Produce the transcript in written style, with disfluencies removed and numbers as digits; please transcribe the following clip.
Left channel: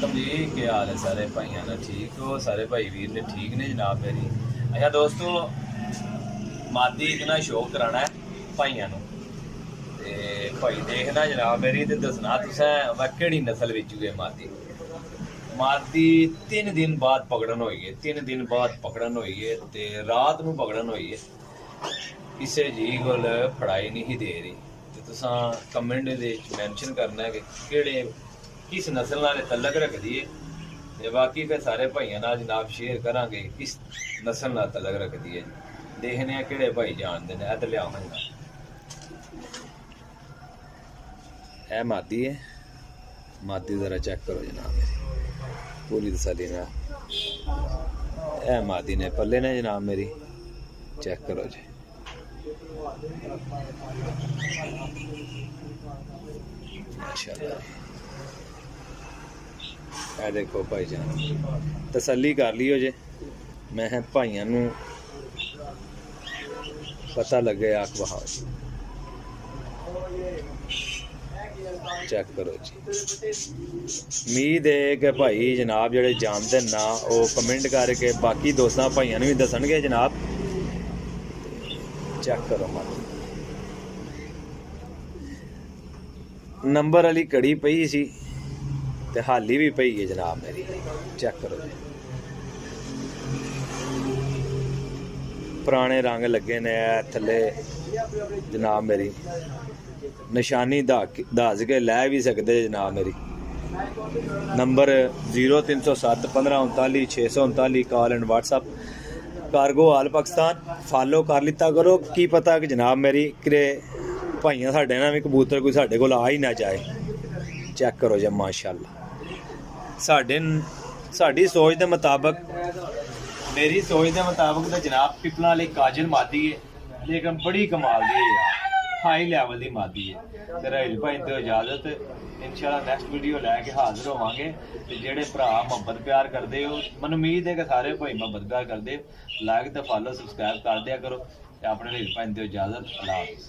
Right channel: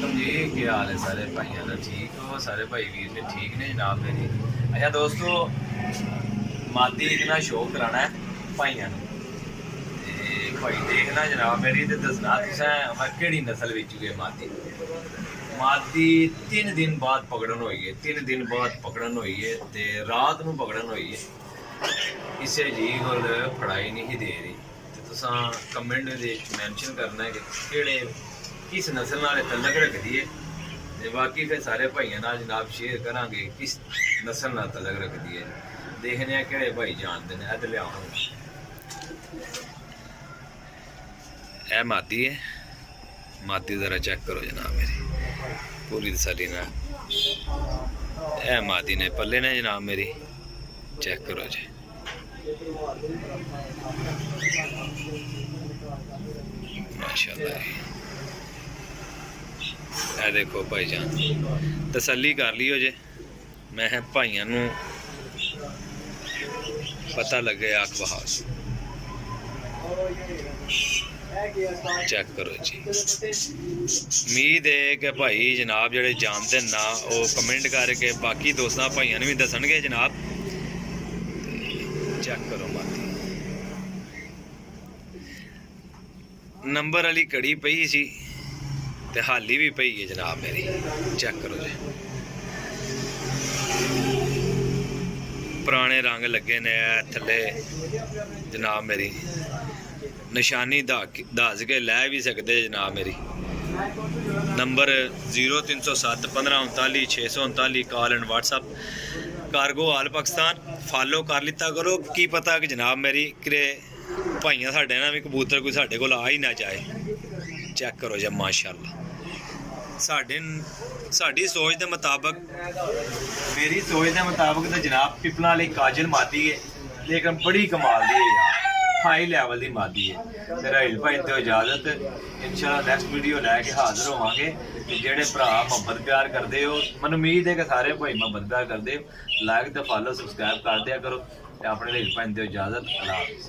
वालेकुम जी, क्या हाल है सारे भाइयों का? ठीक हो सारे भाई वीर ने? ठीक नहीं जनाब मेरी। अच्छा दोस्तों, मादी इतना शौक कराना है भाइयों ते भाई देखना जनाब मेरी ते दसना तुसें मैं केड़ी नस्ल विच हुए मादी। मादी 3 दिन बाद पकड़न होई है, 3 दिन बाद पकड़न होई है ते रात नूं पकड़न होई है। किसी जी कोल फड़ाई नहीं दे रही ते तुसां कमेंट दे मैंशन करना है कि केड़े किस नस्ल नाल तलक रखदी है ते बाकी फिर सारे भाइयों नाल जनाब शेयर करांगे किस नस्ल नाल तलक रखदी है। देखने आ केड़े भाई जानते हैं। इधर लियावांगा, ए मादी है। मादी जरा चेक करो जनाब मेरी पूरी तसल्ली ना। ए मादी ने पल्ले ने जनाब मेरी, चेक करो जी। माशाल्लाह, ए देखो भाईजान, तसल्ली कर लियो जे। मैं भाइयों नूं पता लगे आख बहाव, चेक करो जी। उम्मीद है कि भाई जनाब जेडे जानते ना वो कमेंट करके बाकी दोस्तों भाइयों भी दसणगे जनाब। चेक करो मादी, नंबर वाली कड़ी पई सी ते हाली भी पई है जनाब मेरी। चेक करो जी, पुराने रंग लगे ने थले जनाब मेरी। निशानी दस के लै भी सकते जनाब मेरी। Number 0307 1539 639, call and WhatsApp cargo all Pakistan. Follow कर लिता करो, की पता कि जनाब मेरी कि भाइयां साडे ना भी कबूतर कोई साडे कोल आ ही ना जाए। चेक करो जी माशाल्लाह। साडी सोच के मुताबिक, मेरी सोच के मुताबिक तो जनाब पिपला वाली काजल मादी है, लेकिन बड़ी कमाल दी है यार, हाई लैवल की मादी है। तेरा हिल भाई दो इजाजत, इंशाल्लाह नेक्स्ट वीडियो लैके हाजिर होवांगे। जेडे भरा मुहब्बत प्यार करते हो, मैं उम्मीद है कि सारे भाई मुहब्बत प्यार करते हो, लाइक तो फॉलो सबसक्राइब कर दिया करो। अपने हिल भाई दो इजाजत, अल्लाह हाफिज़।